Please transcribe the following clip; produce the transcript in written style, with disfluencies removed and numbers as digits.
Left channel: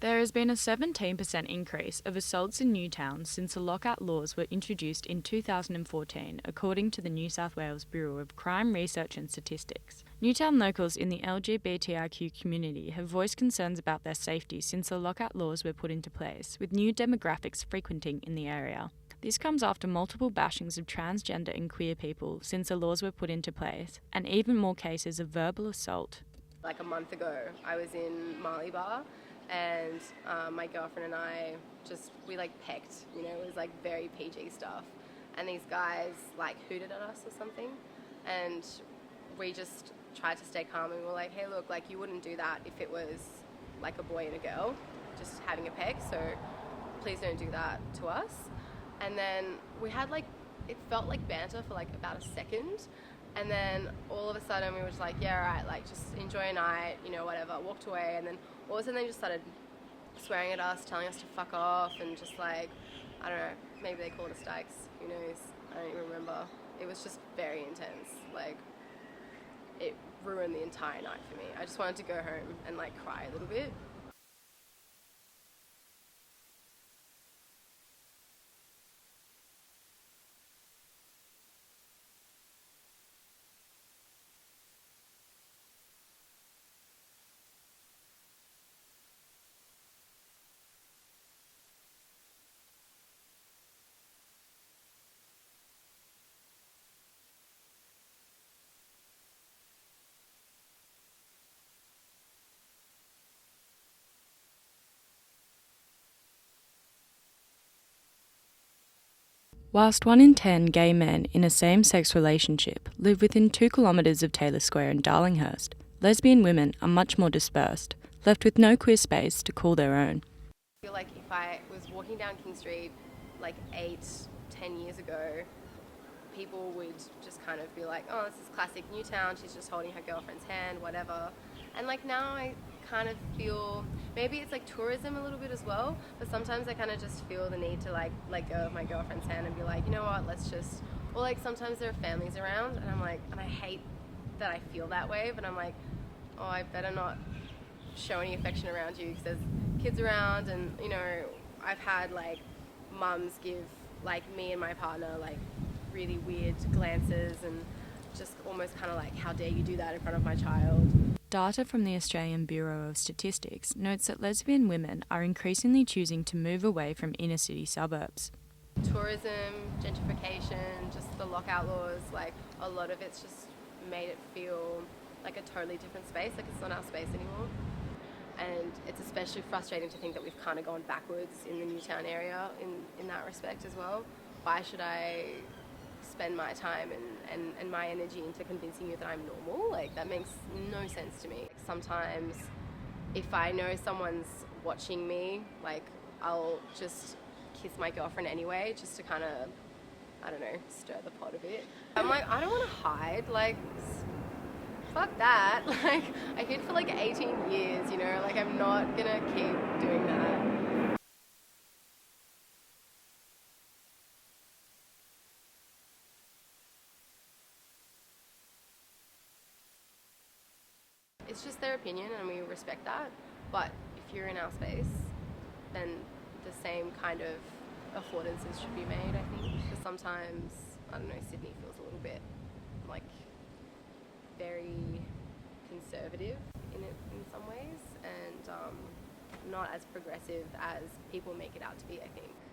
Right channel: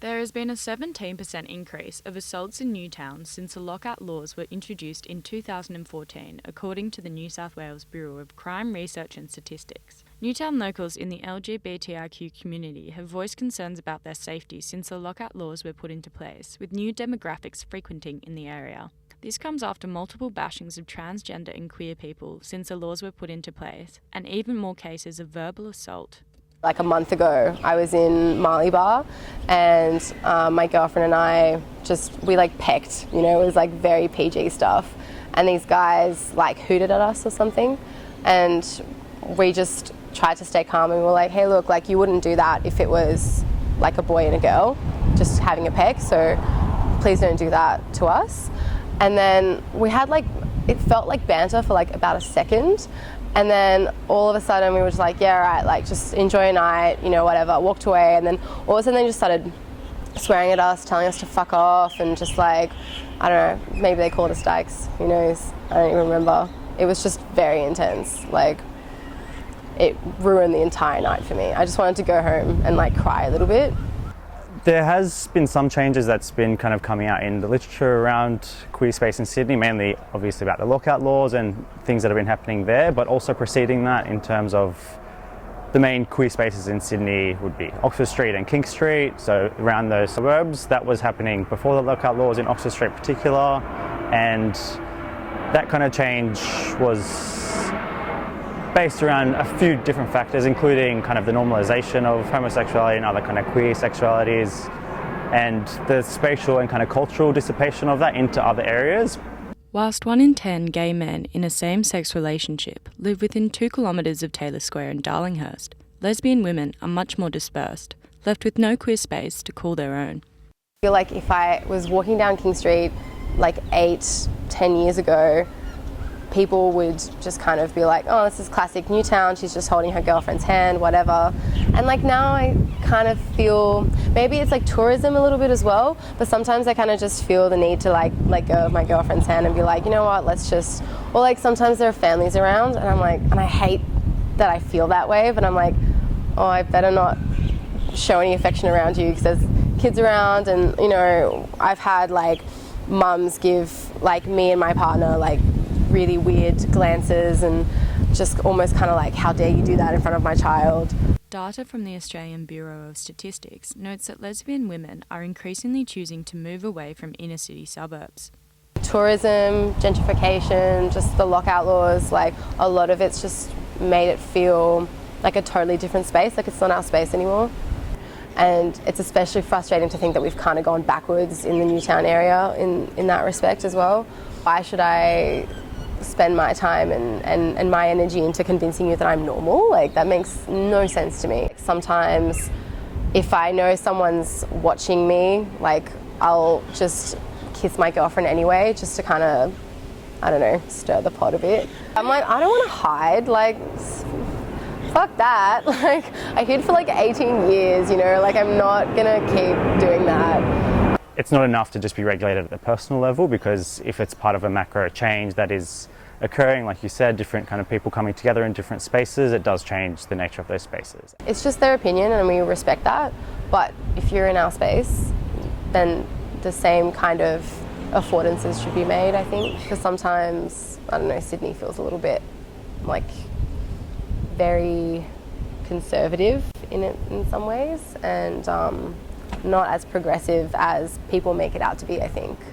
There has been a 17% increase of assaults in Newtown since the lockout laws were introduced in 2014, according to the New South Wales Bureau of Crime Research and Statistics. Newtown locals in the LGBTIQ community have voiced concerns about their safety since the lockout laws were put into place, with new demographics frequenting in the area. This comes after multiple bashings of transgender and queer people since the laws were put into place, and even more cases of verbal assault. Like a month ago, I was in Marley Bar and my girlfriend and I we pecked, it was like very PG stuff. And these guys like hooted at us or something. And we just tried to stay calm and we were like, hey, look, like you wouldn't do that if it was like a boy and a girl just having a peck. So please don't do that to us. And then we had it felt like banter for like about a second. And then all of a sudden we were just like, yeah, all right, like just enjoy your night, whatever, walked away. And then all of a sudden they just started swearing at us, telling us to fuck off and just like, I don't know, maybe they called us dykes, who knows? I don't even remember. It was just very intense. Like, it ruined the entire night for me. I just wanted to go home and like cry a little bit. There has been some changes that's been kind of coming out in the literature around queer space in Sydney, mainly obviously about the lockout laws and things that have been happening there, but also preceding that in terms of the main queer spaces in Sydney would be Oxford Street and King Street, so around those suburbs. That was happening before the lockout laws in Oxford Street in particular, and that kind of change was based around a few different factors, including kind of the normalisation of homosexuality and other kind of queer sexualities, and the spatial and kind of cultural dissipation of that into other areas. Whilst 1 in 10 gay men in a same-sex relationship live within 2 kilometres of Taylor Square in Darlinghurst, lesbian women are much more dispersed, left with no queer space to call their own. I feel like if I was walking down King Street like 8-10 years ago, people would just kind of be like, oh, this is classic Newtown, she's just holding her girlfriend's hand, whatever. And like now I kind of feel, maybe it's like tourism a little bit as well, but sometimes I kind of just feel the need to like let go of my girlfriend's hand and be like, you know what, let's just, or like sometimes there are families around and I'm like, and I hate that I feel that way, but I'm like, oh, I better not show any affection around you because there's kids around. And I've had like mums give like me and my partner like really weird glances and just almost kind of like, how dare you do that in front of my child. Data from the Australian Bureau of Statistics notes that lesbian women are increasingly choosing to move away from inner city suburbs. Tourism, gentrification, just the lockout laws, like a lot of it's just made it feel like a totally different space, like it's not our space anymore. And it's especially frustrating to think that we've kind of gone backwards in the Newtown area in that respect as well. Why should I spend my time and my energy into convincing you that I'm normal? Like, that makes no sense to me. Sometimes if I know someone's watching me, like, I'll just kiss my girlfriend anyway, just to kind of, I don't know, stir the pot a bit. I'm like, I don't want to hide, like, fuck that. Like, I hid for like 18 years, like I'm not gonna keep doing that. It's not enough to just be regulated at the personal level, because if it's part of a macro change that is occurring, like you said, different kind of people coming together in different spaces, it does change the nature of those spaces. It's just their opinion and we respect that, but if you're in our space, then the same kind of affordances should be made, I think, because sometimes, I don't know, Sydney feels a little bit like very conservative in some ways, and not as progressive as people make it out to be, I think.